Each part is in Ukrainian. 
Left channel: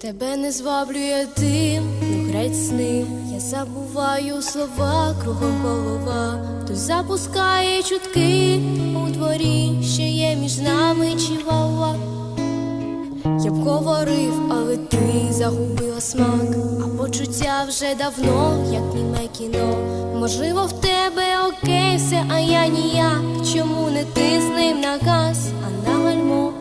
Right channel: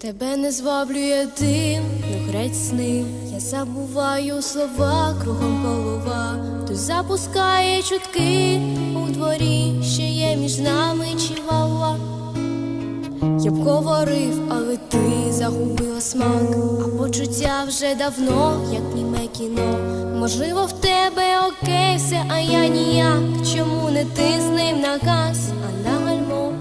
Тебе не зваблює дим, не грець сни. Я забуваю слова, кругом голова. Хтось запускає чутки у дворі, що є між нами чивала. Я б говорив, але ти загубила смак, а почуття вже давно, як німе кіно. Можливо, в тебе окей, все, а я ніяк. Чому не ти з ним на газ, а на гальмо?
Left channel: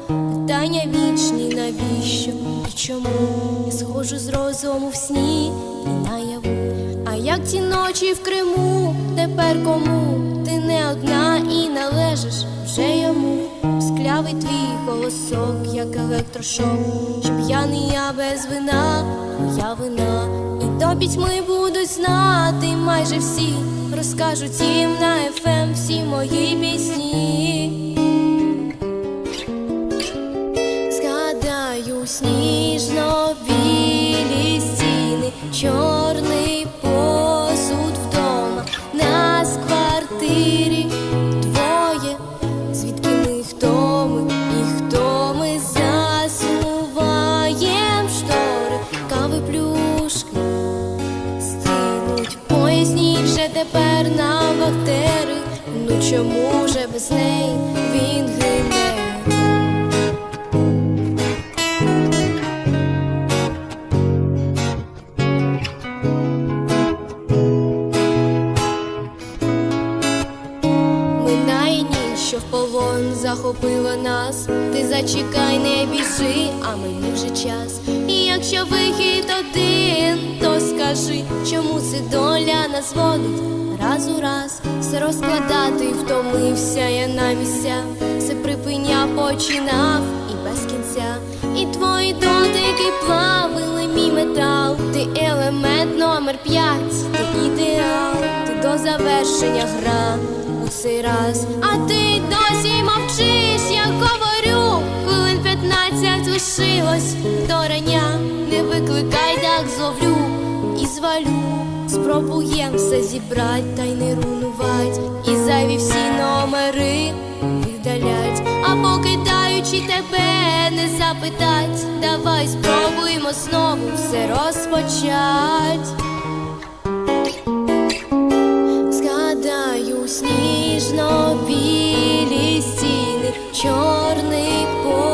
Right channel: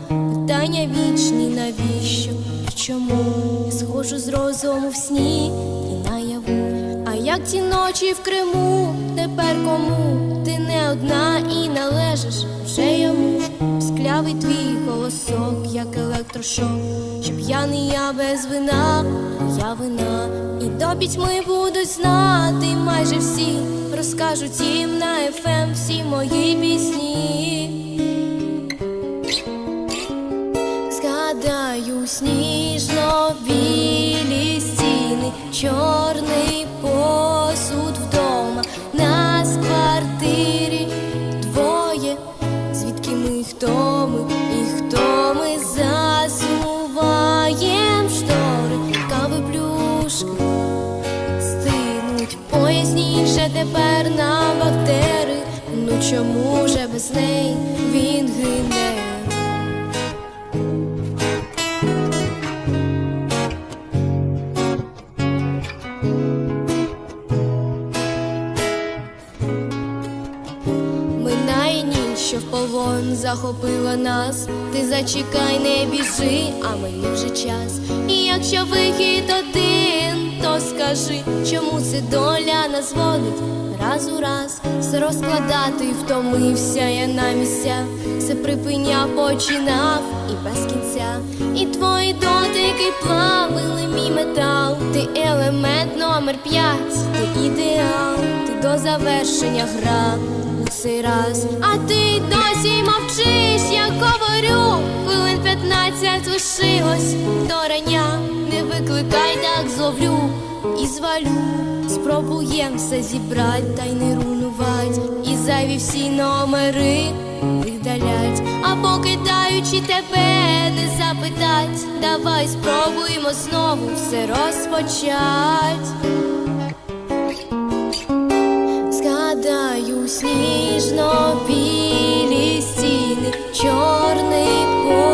Питання вічні, навіщо і чому? Я схожу з розуму в сні і наяву. А як ті ночі в Криму, тепер кому? Ти не одна і належиш вже йому. Склявий твій голосок, як електрошок, що п'яний я без вина, моя вина, і до пітьми будуть знати майже всі, розкажуть їм на ефем всі мої пісні. Згадаю сніжно білі стіни, чорний посуд вдома, нас в квартирі двоє, звідки ми хто ми і хто ми? Засуваєм штори, кави плюшки стинуть, поясніть же тепер нам вахтери, ну чому же без неї він гине? Минає ніч, що в полон захопила нас. Ти зачекай, не біжи, а мені вже час. І якщо вихід один, то скажи, чому це доля нас водить раз у раз. Все розкладати втомився я на місця, все припиняв, починав і без кінця. І твої дотики плавили мій метал. Ти елемент номер п'ять, ти ідеал, ти до завершення гра у раз, а ти досі мовчиш, я говорю, хвилин п'ятнадцять лишилось. До рання, не викликай, так зловлю. І звалю. Спробуєм все зібрать та й не рунувать, і зайві всі номери видалять, а покидаючи тебе, не запитать, давай спробуємо знову все розпочать. Згадаю сніжно білі стіни, чорний посуд